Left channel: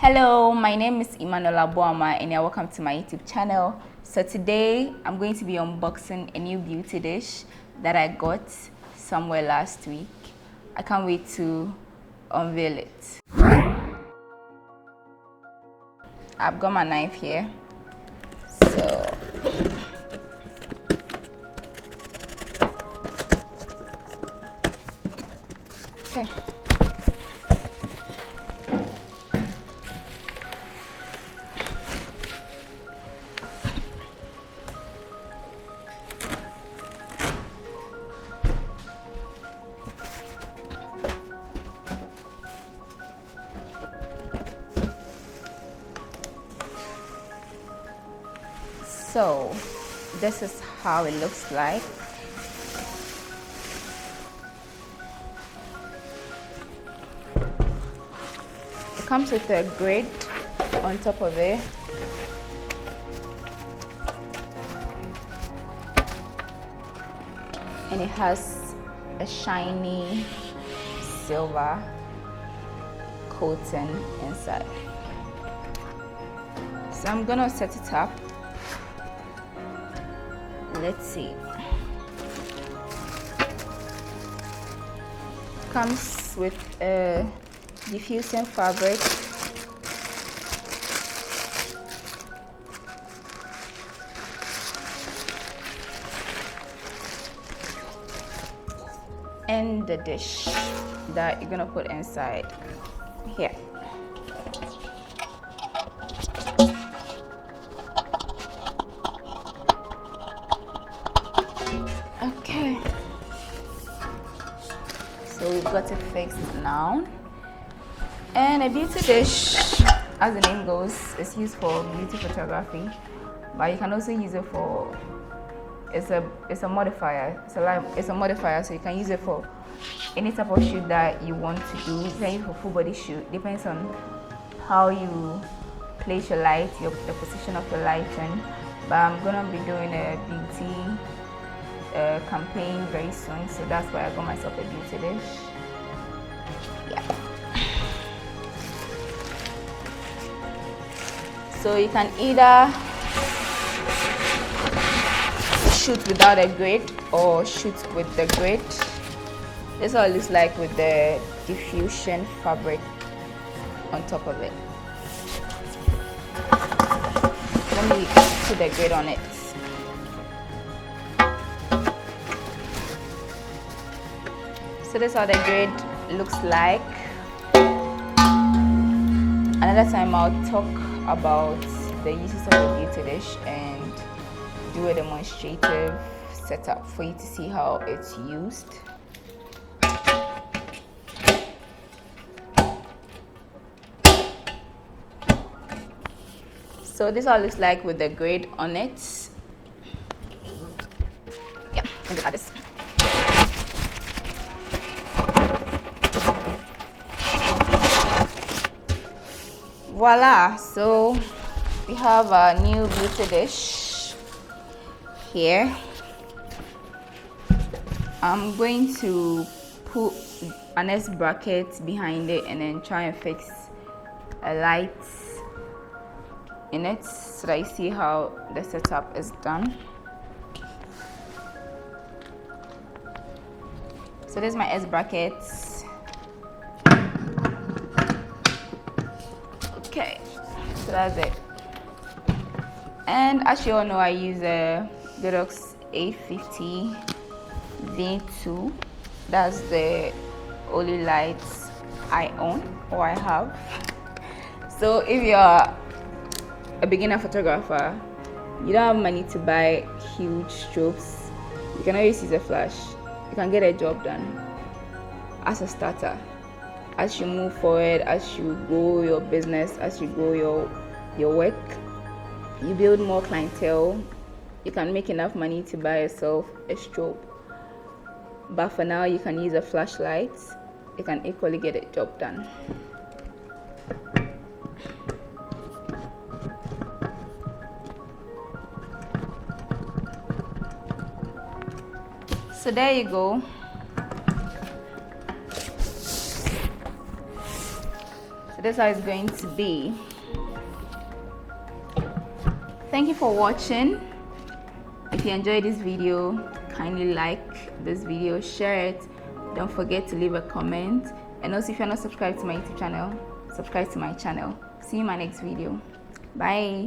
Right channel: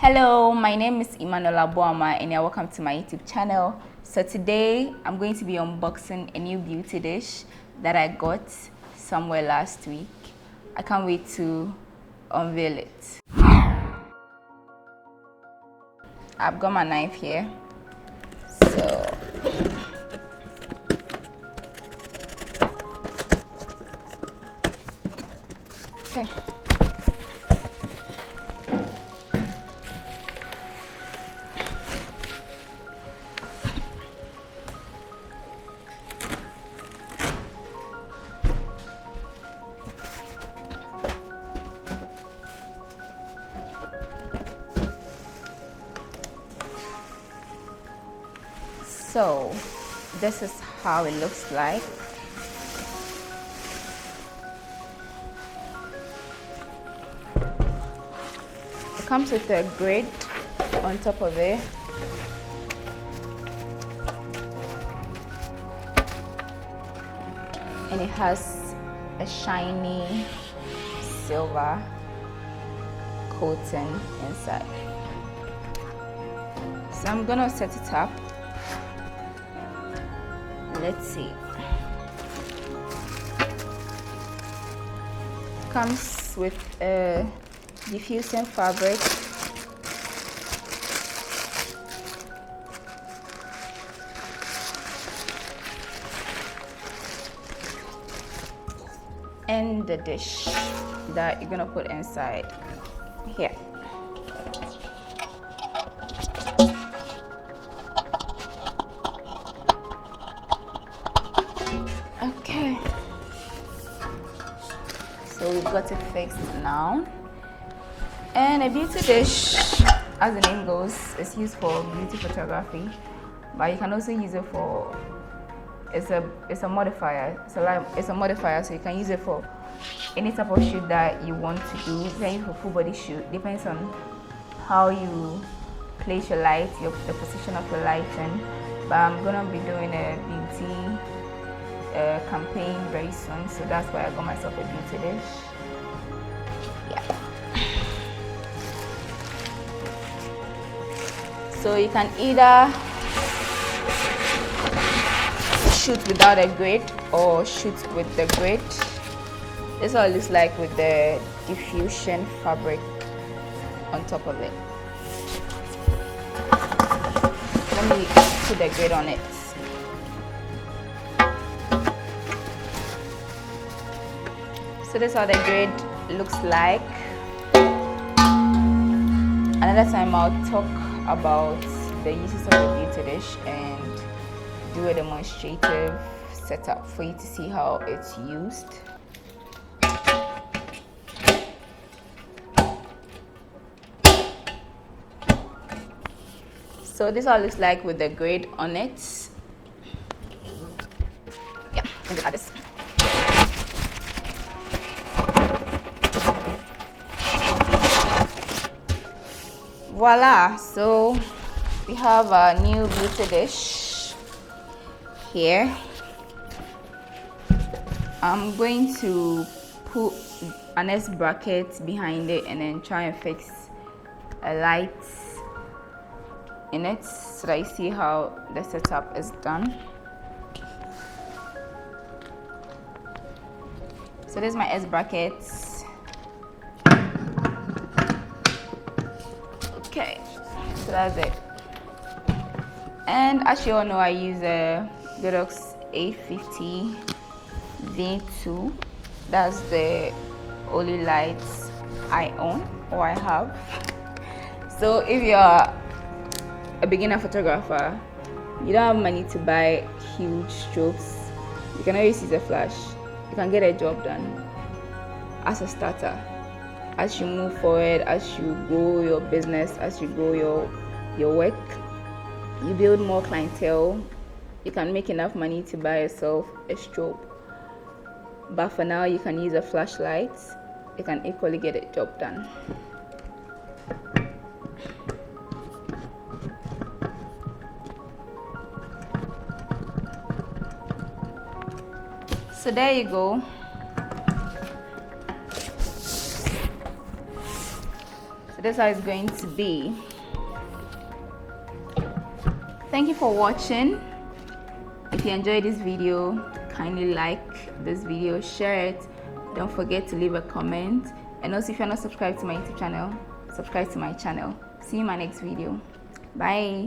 Hello, my name is Emmanuel Boama and you're welcome to my YouTube channel. So today I'm going to be unboxing a new beauty dish that I got somewhere last week. I can't wait to unveil it. I've got my knife here. So okay. So this is how it looks like. It comes with a grid on top of it. And it has a shiny silver coating inside. So I'm gonna set it up. Let's see. Comes with diffusion fabric. And the dish that you're gonna put inside here. Okay, so we've got it fixed now. And a beauty dish, as the name goes, is used for beauty photography, but you can also use it for it's a modifier. It's a modifier, so you can use it for any type of shoot that you want to do. Same for full body shoot. Depends on how you place your light, the position of your lighting. But I'm gonna be doing a beauty campaign very soon, so that's why I got myself a beauty dish. Yeah. So you can either shoot without a grid or shoot with the grid. This is what it looks like with the fusion fabric on top of it. Let me put the grid on it. So this is how the grid looks like. Another time I'll talk about the uses of the beauty dish and do a demonstrative setup for you to see how it's used. So this is how it looks like with the grid on it. Yeah, look at this. Voila, so we have a new beauty dish here. I'm going to put an S bracket behind it and then try and fix a light in it so that you see how the setup is done. So this is my S brackets. Okay, so that's it. And as you all know, I use a Godox A50 V2. That's the only lights I own or I have. So if you're a beginner photographer, you don't have money to buy huge strobes, you can always use a flash. You can get a job done as a starter. As you move forward, as you grow your business, as you grow your work, you build more clientele, you can make enough money to buy yourself a strobe. But for now, you can use a flashlight. You can equally get a job done. So there you go. So That's how it's going to be. Thank you for watching. If you enjoyed this video, kindly like this video, share it, don't forget to leave a comment, and also if you're not subscribed to my YouTube channel, subscribe to my channel. See you in my next video. Bye.